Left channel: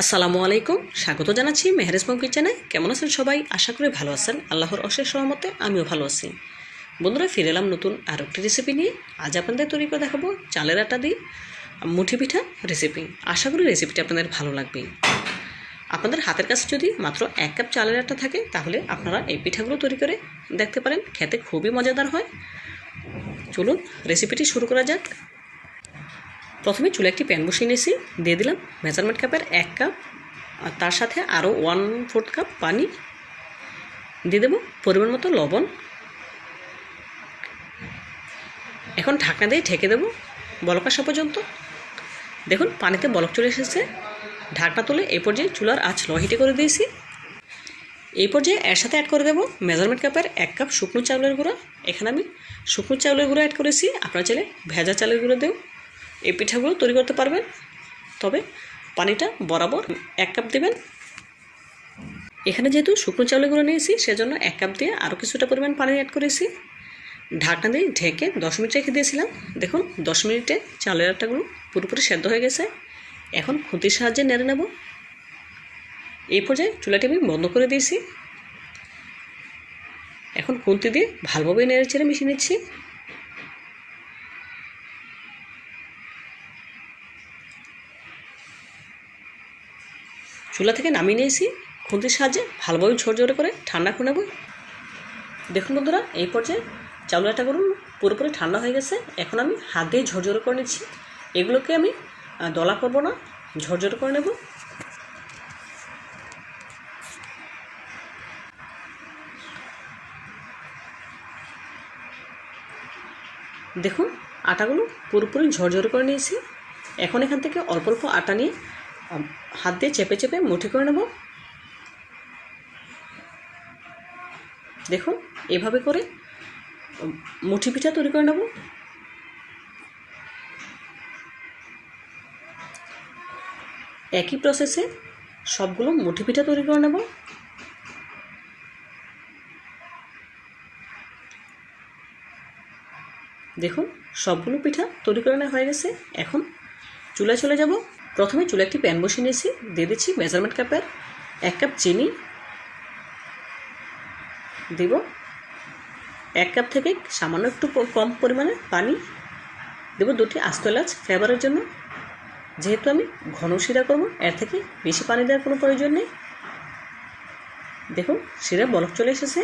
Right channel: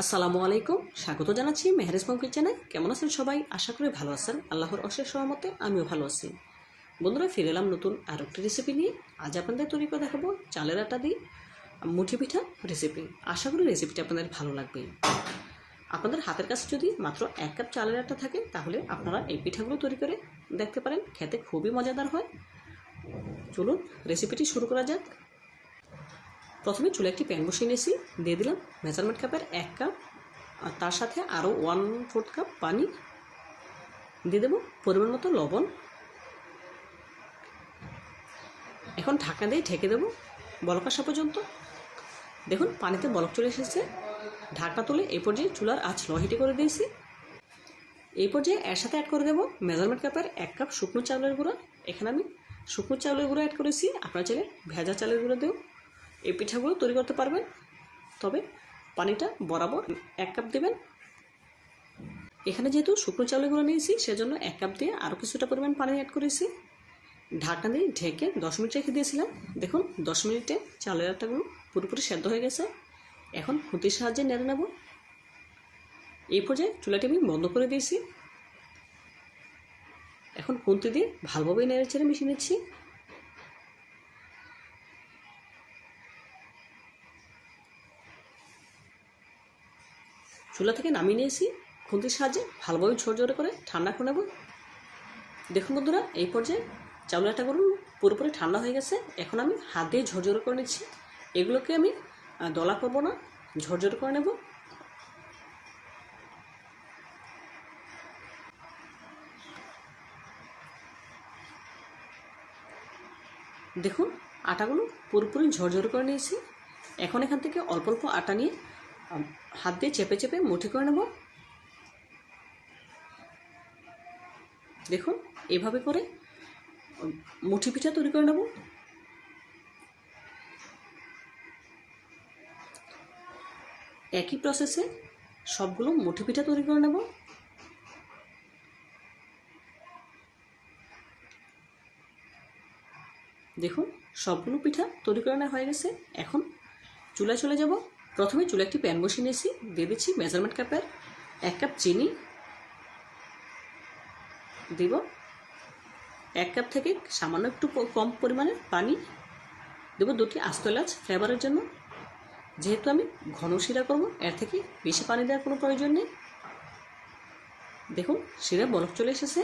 আসসালামু আলাইকুম, স্বাগত জানাচ্ছি মেহরেজ পম কিচেনে। কেমন আছেন সবাই? আশা করি ভালো আছেন। আল্লাহর অশেষ সহমতে আমিও ভালো আছি। বন্ধুরা, ফিরে এলাম নতুন আর একটি রেসিপি নিয়ে। আজ আপনাদের তৈরি করে দেখাবো চালের আটা দিয়ে মুঠি পিঠা রেসিপি আশা করি রেসিপিটা আপনাদের ভালো লাগবে। আপনাদের হাতের কাছে যদি মাত্র এক কাপ চালের আটা থাকে, তাহলে আপনারা এই পিঠাগুলো তৈরি করে দেখতে পারেন। খেতে খুবই মজাদার হয়। চলুন রেসিপিটি শুরু করা যাক। প্রথমে চুলে একটি প্যান বসিয়ে নিয়েছি, দিয়ে দিলাম মেজারমেন্ট কাপের এক কাপ, আর তার সাথে আরও ওয়ান ফোর্থ কাপ পানি, দিয়ে দেবো পরিমাণ মতো লবণ। এখন ঢাকনা দিয়ে ঢেকে দেবো বলক আসা পর্যন্ত। দেখুন, পানিতে বলক চলে এসেছে। ঢাকনা তুলে এই পর্যায়ে চুলার আঁচ লো হিটে করে দিয়েছি। এই পর্যায়ে এর সাথে অ্যাড করে দেবো মেজারমেন্ট কাপের এক কাপ শুকনো চাউলের গুঁড়া। এখানে আমি শুকনো চাউলের গুঁড়া অ্যাড করেছি। আপনারা চাইলে ভেজা চালের গুঁড়ো দেও এই পিঠাগুলো তৈরি করতে পারবেন। তবে পানিটা বরাবর এক কাপ দেবেন। এখানে যেহেতু শুকনো চাউলের গুঁড়ো নিয়েছি, সেজন্য এক কাপ দিয়ে আরও কিছুটা পরিমাণ পানি অ্যাড করেছি। ঢাকনা দিয়ে ঢেকে দশ মিনিট রেখে দিয়েছিলাম। দেখুন, দশ মিনিটে চালের আটাগুলো পুরোপুরি সেদ্ধ হয়ে গেছে। এখন খুঁতির সাহায্যে নেড়ে নেব। এই পর্যায়ে চুলাটি আমি বন্ধ করে দিয়েছি। এখন খুন্তি দিয়ে ভালোভাবে নেড়ে চেড়ে মিশিয়ে নিচ্ছি। চুলা থেকে নামিয়ে নিয়েছি, খুন্তির সাহায্যে ভালোভাবে ঝরঝরে করে ঠান্ডা করে নেব। দেখুন বন্ধুরা, এই পর্যায়ে চাউল করুন পুরোপুরি ঠান্ডা হয়ে গেছে। এখন আমি হাত দিয়ে ঝরঝরে করে নিচ্ছি। এগুলোকে আমি দলা করব না ঝরঝরে করে নেব। দেখুন, আটাগুলো পুরোপুরি ঝরঝরে করে নিয়েছি। এখন এখান থেকে অল্প অল্প আটা নিয়ে হাত দিয়ে চেপে চেপে মুঠি করে নেব। দেখুন, এভাবে করে মুঠি পিঠা তৈরি করে নেব। একই প্রসেসে সবগুলো মুঠি পিঠা তৈরি করে নেব। দেখুন, সবগুলো পিঠা তৈরি করে নেওয়া হয়ে গেছে। এখন চুলায় চলে যাব। প্রথমে চুলে একটি প্যান বসিয়ে নিয়েছি, দিয়ে দিচ্ছি মেজারমেন্ট কাপের এক কাপ চিনি, দিব এক কাপ থেকে সামান্য একটু কম পরিমাণে পানি, দেব দুটি আস্ত এলাচ ফ্লেভারের জন্য। যেহেতু আমি ঘন শিরা করব, এর থেকে বেশি পানি দেওয়ার কোনো প্রয়োজন নেই। দেখুন শিরা বলক চলে এসেছে।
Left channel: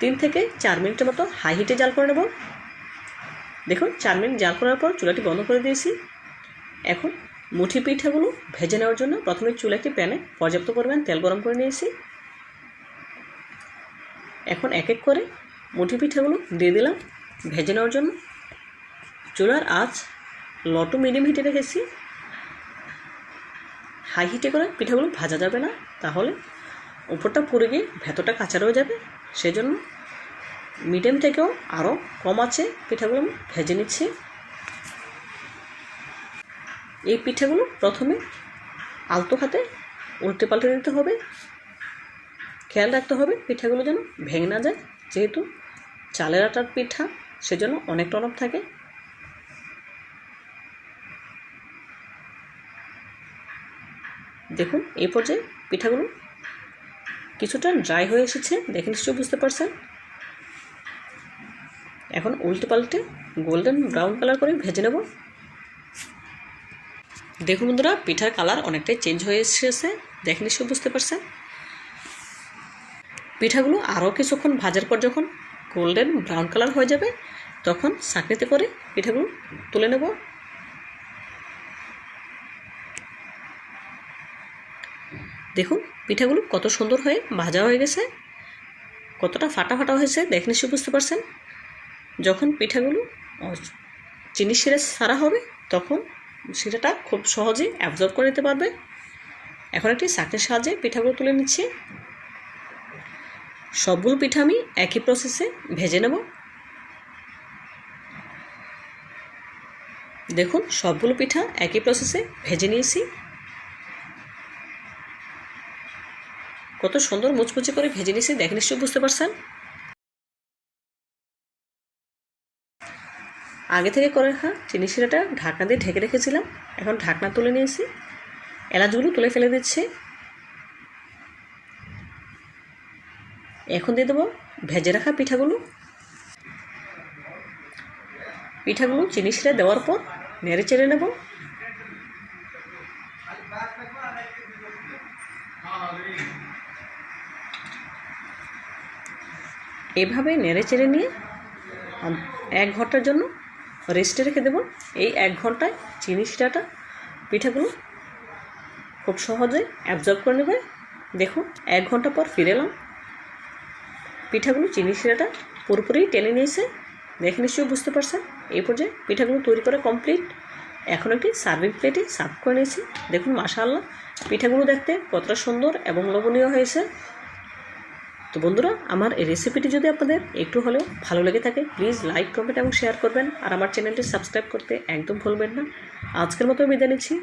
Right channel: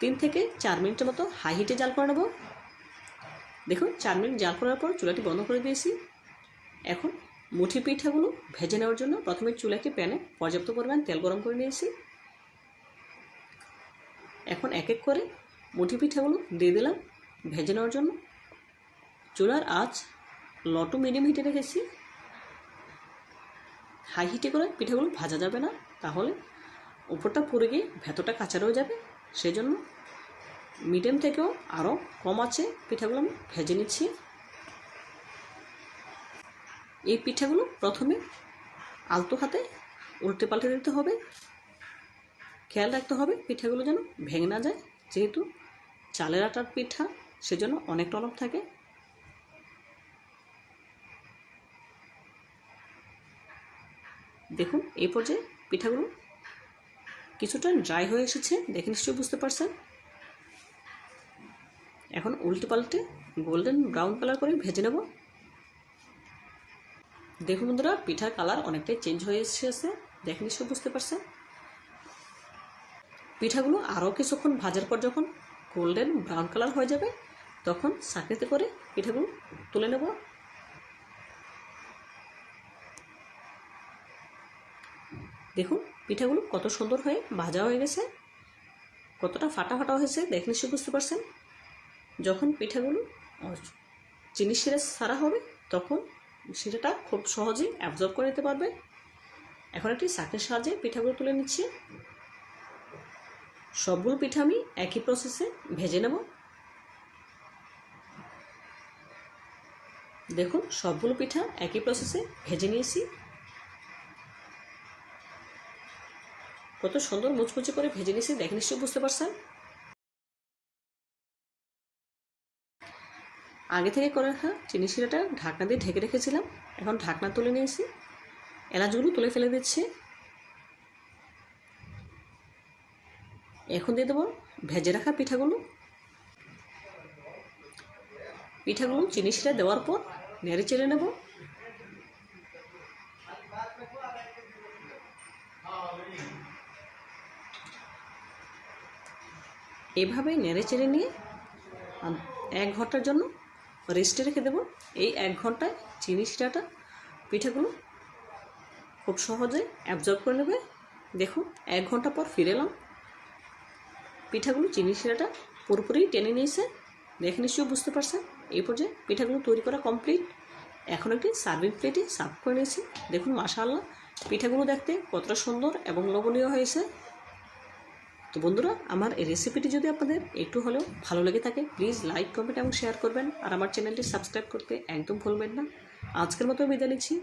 তিন থেকে চার মিনিটের মতো হাই হিটে জাল করে নেব। দেখুন, চার মিনিট জাল করার পর চুলাটি বন্ধ করে দিয়েছি। এখন মুঠি পিঠাগুলো ভেজে নেওয়ার জন্য প্রথমে চুলে একটি প্যানে পর্যাপ্ত পরিমাণ তেল গরম করে নিয়েছি। এখন এক এক করে মুঠি পিঠাগুলো দিয়ে দিলাম ভেজে নেওয়ার জন্য। চুলার আঁচ লো টু মিডিয়াম হিটে রেখেছি। হাই হিটে করে পিঠাগুলো ভাজা যাবে না, তাহলে উপরটা পুড়ে গিয়ে ভেতরটা কাঁচা রয়ে যাবে। সেজন্য মিডিয়াম থেকেও আরও কম আছে পিঠাগুলো আমি ভেজে নিচ্ছি। এই পিঠাগুলো প্রথমে আলতো হাতে উল্টে পাল্টে দিতে হবে। খেয়াল রাখতে হবে পিঠাগুলো যেন ভেঙে না যায়। যেহেতু চালের আটার পিঠা, সেজন্য অনেক টনক থাকে। দেখুন, এই পর্যায়ে পিঠাগুলো কিছুটা ড্রাই হয়ে এসেছে, দেখে নিশ্চয়ই বুঝতে পারছেন। এখন উল্টে পাল্টে গোল্ডেন ব্রাউন কালার করে ভেজে নেব। দেখুন বন্ধুরা, পিঠার কালার অনেকটাই চেঞ্জ হয়ে এসেছে। দেখে নিশ্চয়ই বুঝতে পারছেন। পিঠাগুলো আরও কিছুক্ষণ ভাজার পর যখন গোল্ডেন ব্রাউন কালার হয়ে যাবে, তখন সাকড়িতে করে পিঠাগুলো তুলে নেব। দেখুন, পিঠাগুলো কত সুন্দর হয়ে ভাজা হয়ে গেছে। কতটা ফাটা ফাটা হয়েছে, দেখে নিশ্চয়ই বুঝতে পারছেন। যখন পিঠাগুলো চিনি শিরা সারা হবে, তখন শিরাটা খুব সহজেই অ্যাবজর্ব করে নিতে পারবে। এখন একটি চাকরির সাহায্যে পিঠাগুলো তুলে নিচ্ছি। সবগুলো পিঠা আমি একই প্রসেসে ভেজে নেব। দেখুন, সবগুলো পিঠা একই প্রসেসে ভেজে নিয়েছি। কত সুন্দর মুচমুচে করে ভেজে নিয়েছি, দেখে নিশ্চয়ই বুঝতে পারছেন। আগে থেকে করে রাখা চিনি শিরাটা ঢাকনা দিয়ে ঢেকে রেখেছিলাম। এখন ঢাকনা তুলে নিয়েছি। এলাচগুলো তুলে ফেলে দিচ্ছি। এখন দিয়ে দেবো ভেজে রাখা পিঠাগুলো। পিঠাগুলো চিনি শিরে দেওয়ার পর নেড়ে চেড়ে নেব। এভাবে নেড়ে চেড়ে নিয়ে এক ঘণ্টার জন্য রেস্টে রেখে দেবো। এই এক ঘন্টায় চিনি শিরাটা পিঠাগুলো খুব সহজে অ্যাবজর্ব করে নেবে। দেখুন, এক ঘণ্টা পর ফিরে এলাম। পিঠাগুলো চিনি শিরাটা পুরোপুরি টেনে নিয়েছে। দেখে নিশ্চয়ই বুঝতে পারছেন, এই পর্যায়ে পিঠাগুলো তৈরি করা কমপ্লিট এখন একটি সার্ভিং প্লেটে সার্ভ করে নিয়েছি। দেখুন, মাশাআল্লাহ, পিঠাগুলো দেখতে কতটা সুন্দর এবং লোভনীয় হয়েছে। তো বন্ধুরা, আমার এই রেসিপিটি যদি আপনাদের একটু হলেও ভালো লেগে থাকে প্লিজ লাইক কমেন্ট এবং শেয়ার করবেন। আর আমার চ্যানেলটি সাবস্ক্রাইব করতে একদম ভুলবেন না। আজকের মতো বিদায় নিচ্ছি।